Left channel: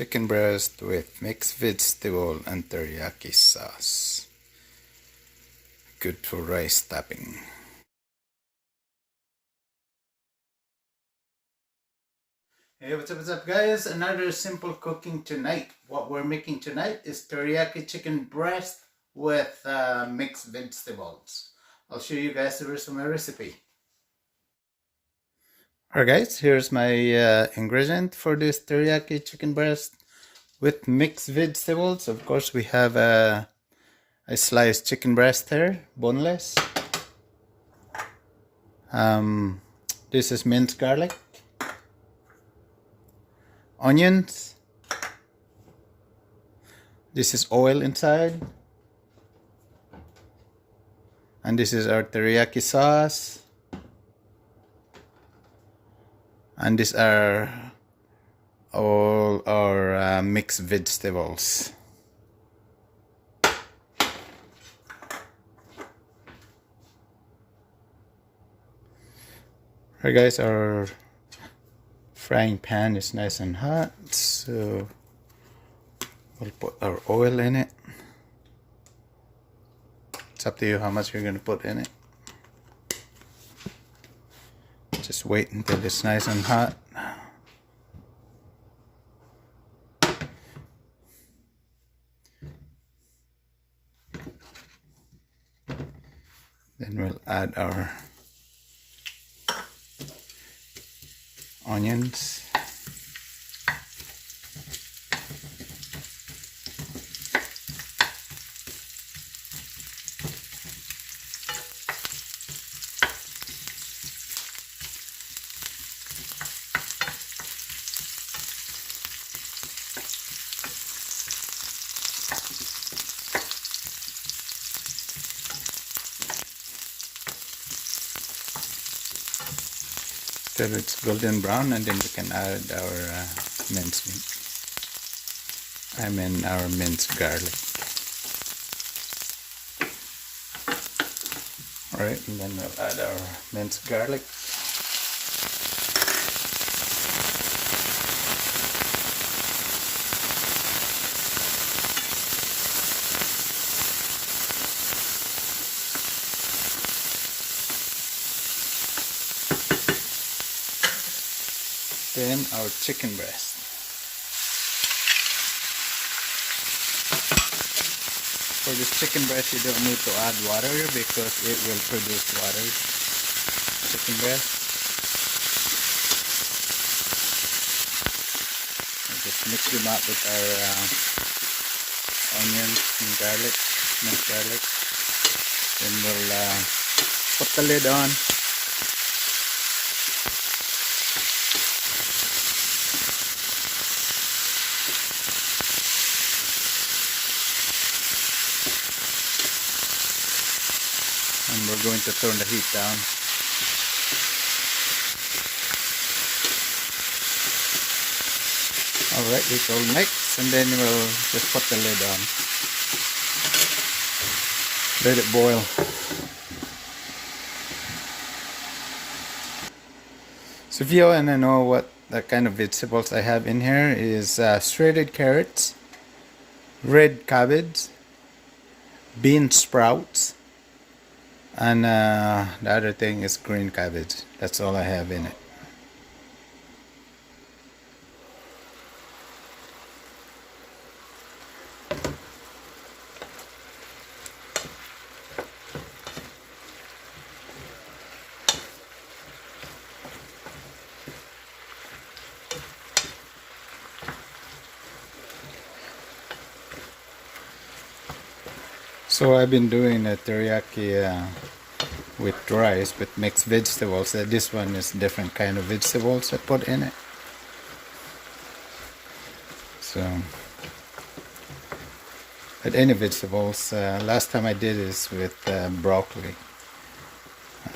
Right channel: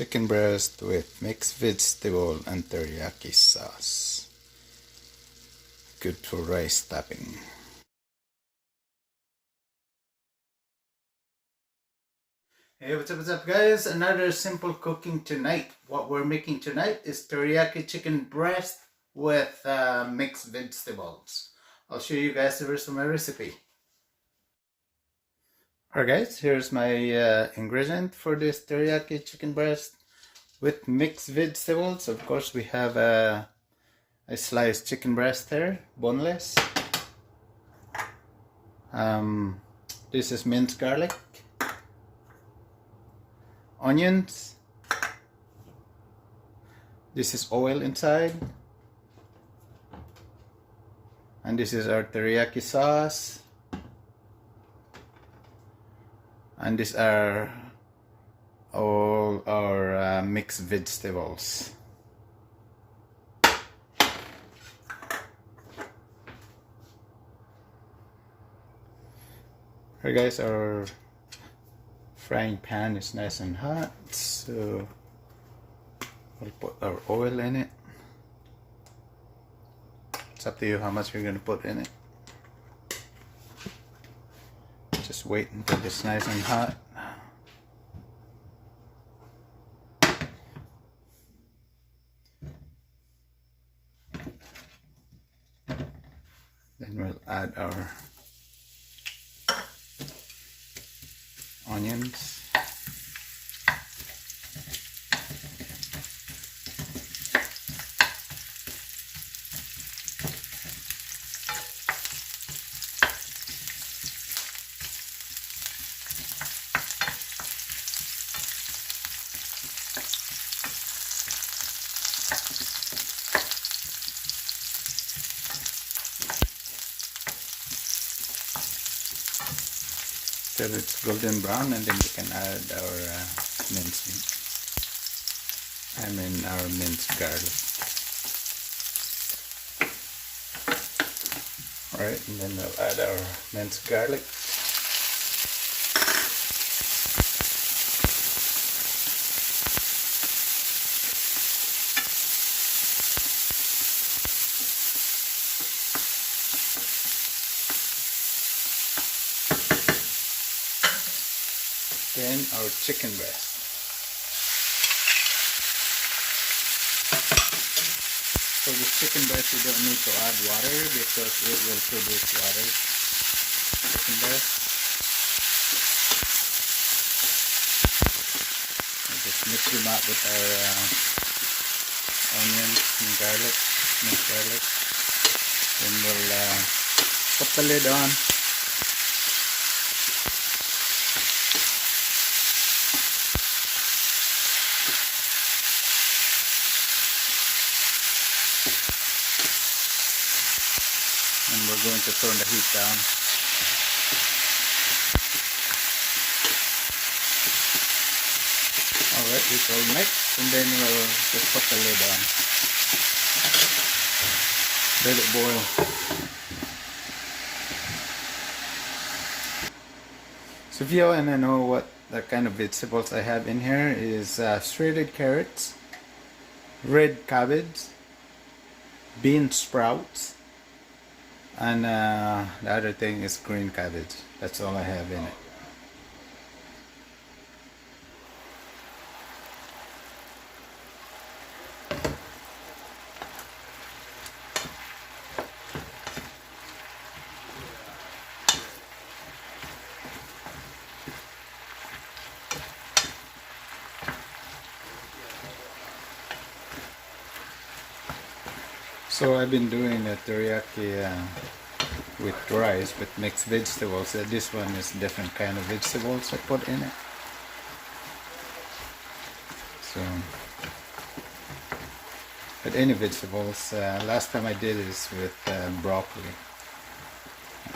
Chicken breast with mixed vegetable and teriyaki sauce. Good for rice topping. Hey, what's up guys? Another simple cooking tonight. What we're making tonight is teriyaki chicken breast with mixed vegetables. I'll show you guys the rest of my recipe. Alright guys, here's my ingredient for this teriyaki chicken breast with mixed vegetables. Of course we have a sliced chicken breast here, boneless. This is minced garlic, onions, this is oil inside, and this is our teriyaki sauce, and these are all our mixed vegetables. Alright guys, our frying pan is nice and hot, so we'll put our oil in it. It's up to you how much you're going to put in it. Just wait until it's nice and hot. Then we'll add our onions. Till it's golden brown, and then we can add our minced meat. Our minced garlic. Alright, and then we'll add our minced garlic. Then our chicken breast. For this chicken breast, you don't need to add water because it will produce water. Chicken breast. We'll just mix them up with our onions and garlic, minced garlic. Then we'll put the lid on. And we're going to turn the heat down. Alright, it will mix, and then we'll just put the lid on. Let it boil. So if you want to know what the kind of vegetables I have in here is shredded carrots, red cabbage, bean sprouts, and the other thing is green cabbage. That's all I have in it. So I've been doing a teriyaki with rice with mixed vegetables. This one is different kind of vegetables I put in it. So, but any vegetables. Last time I did this with broccoli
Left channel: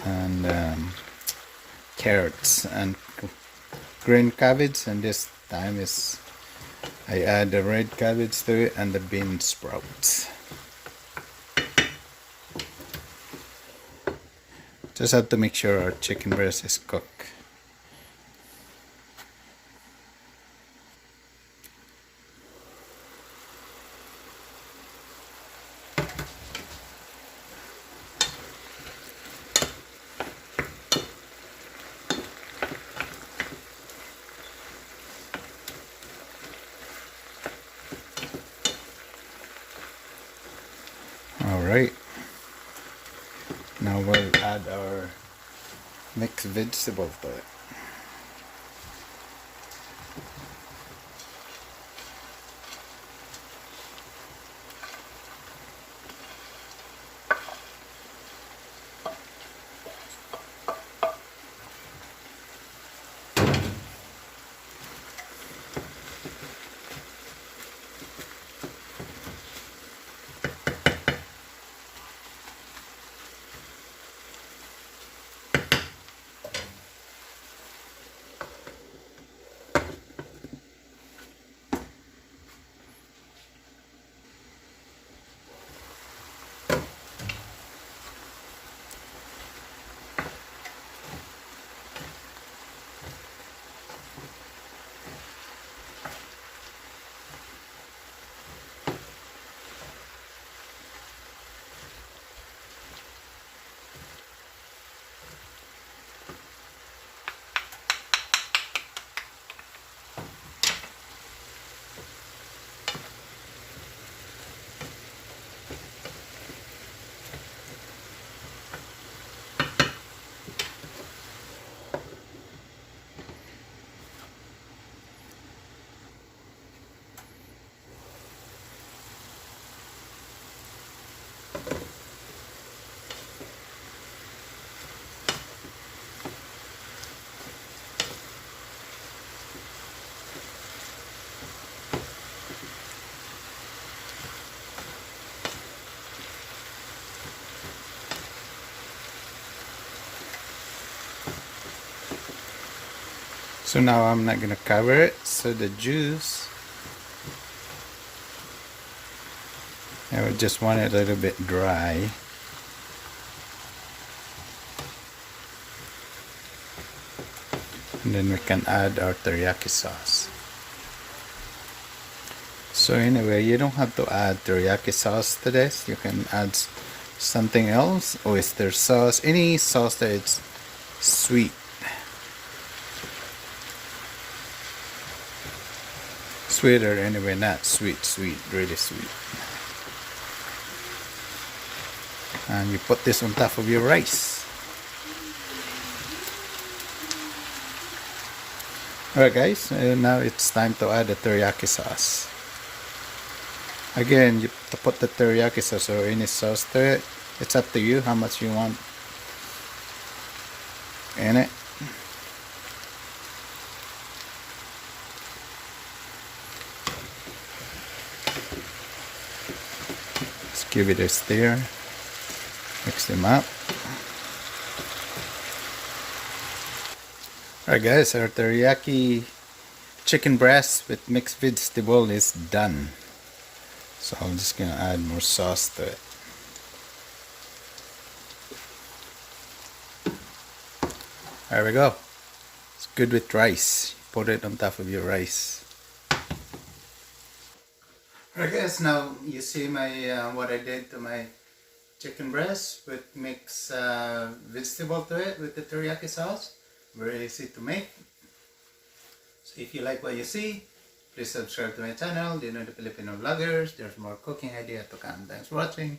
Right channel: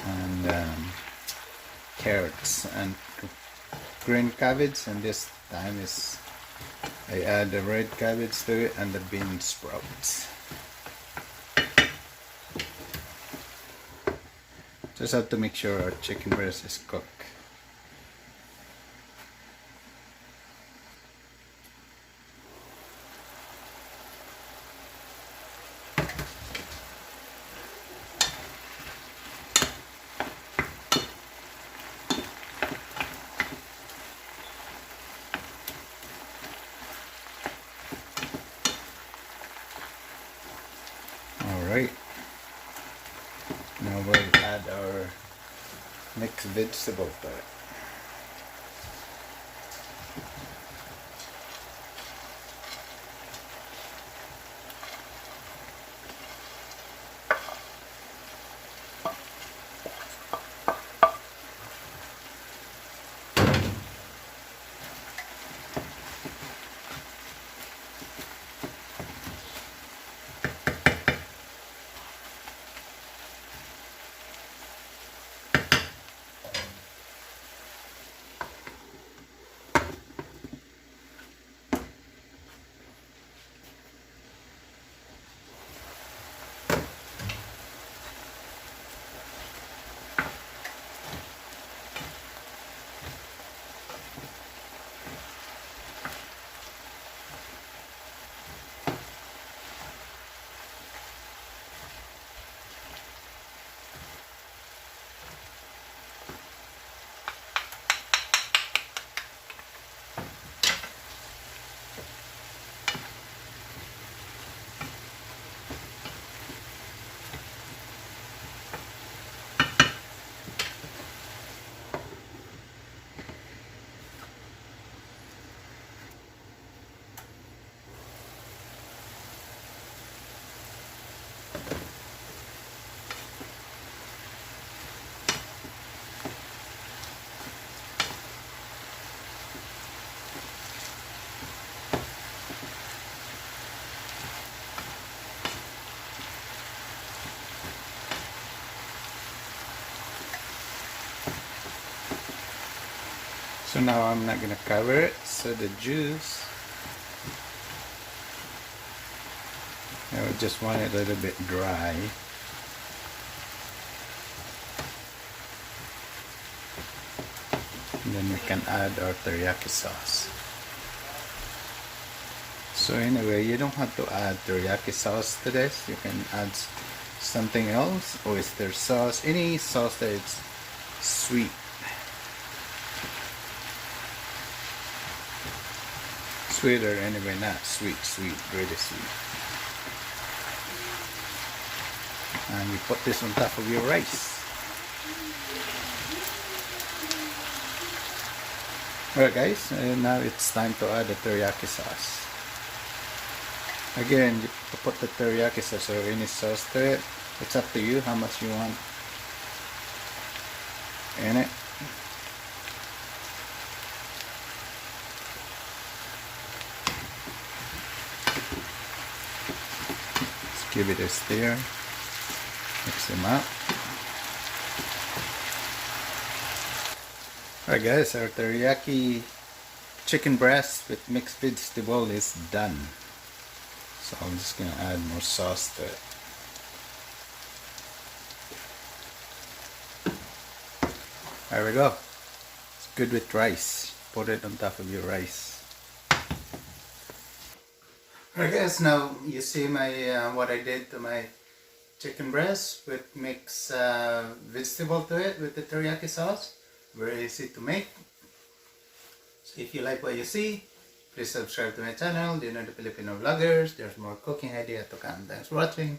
and carrots and green cabbage, and this time is I add the red cabbage to it and the bean sprouts. Just have to make sure our chicken breast is cooked. Alright, now we'll add our mixed vegetables to it. So now I'm not gonna cover it, so the juice, I would just want it a little bit dry. And then we can add our teriyaki sauce. So anyway, you don't have to add teriyaki sauce to this. You can add something else, oyster sauce, any sauce that is sweet. Sweeter anyway, not sweet, really sweet. And you put this on top of your rice. Alright guys, now it's time to add the teriyaki sauce. Again, you to put the teriyaki sauce or any sauce to it, it's up to you how much you want in it. Just give it a stir, mix them up. Alright guys, our teriyaki chicken breast with mixed vegetable is done. So I'm just gonna add more sauce to it. There we go. It's good with rice. Put it on top of your rice. Alright guys, now you see my what I did to my chicken breast with mixed vegetable to it with the teriyaki sauce. Very easy to make. So if you like what you see, please subscribe to my channel, Dinner the Filipino Vloggers. There's more cooking idea to come. Thanks for watching.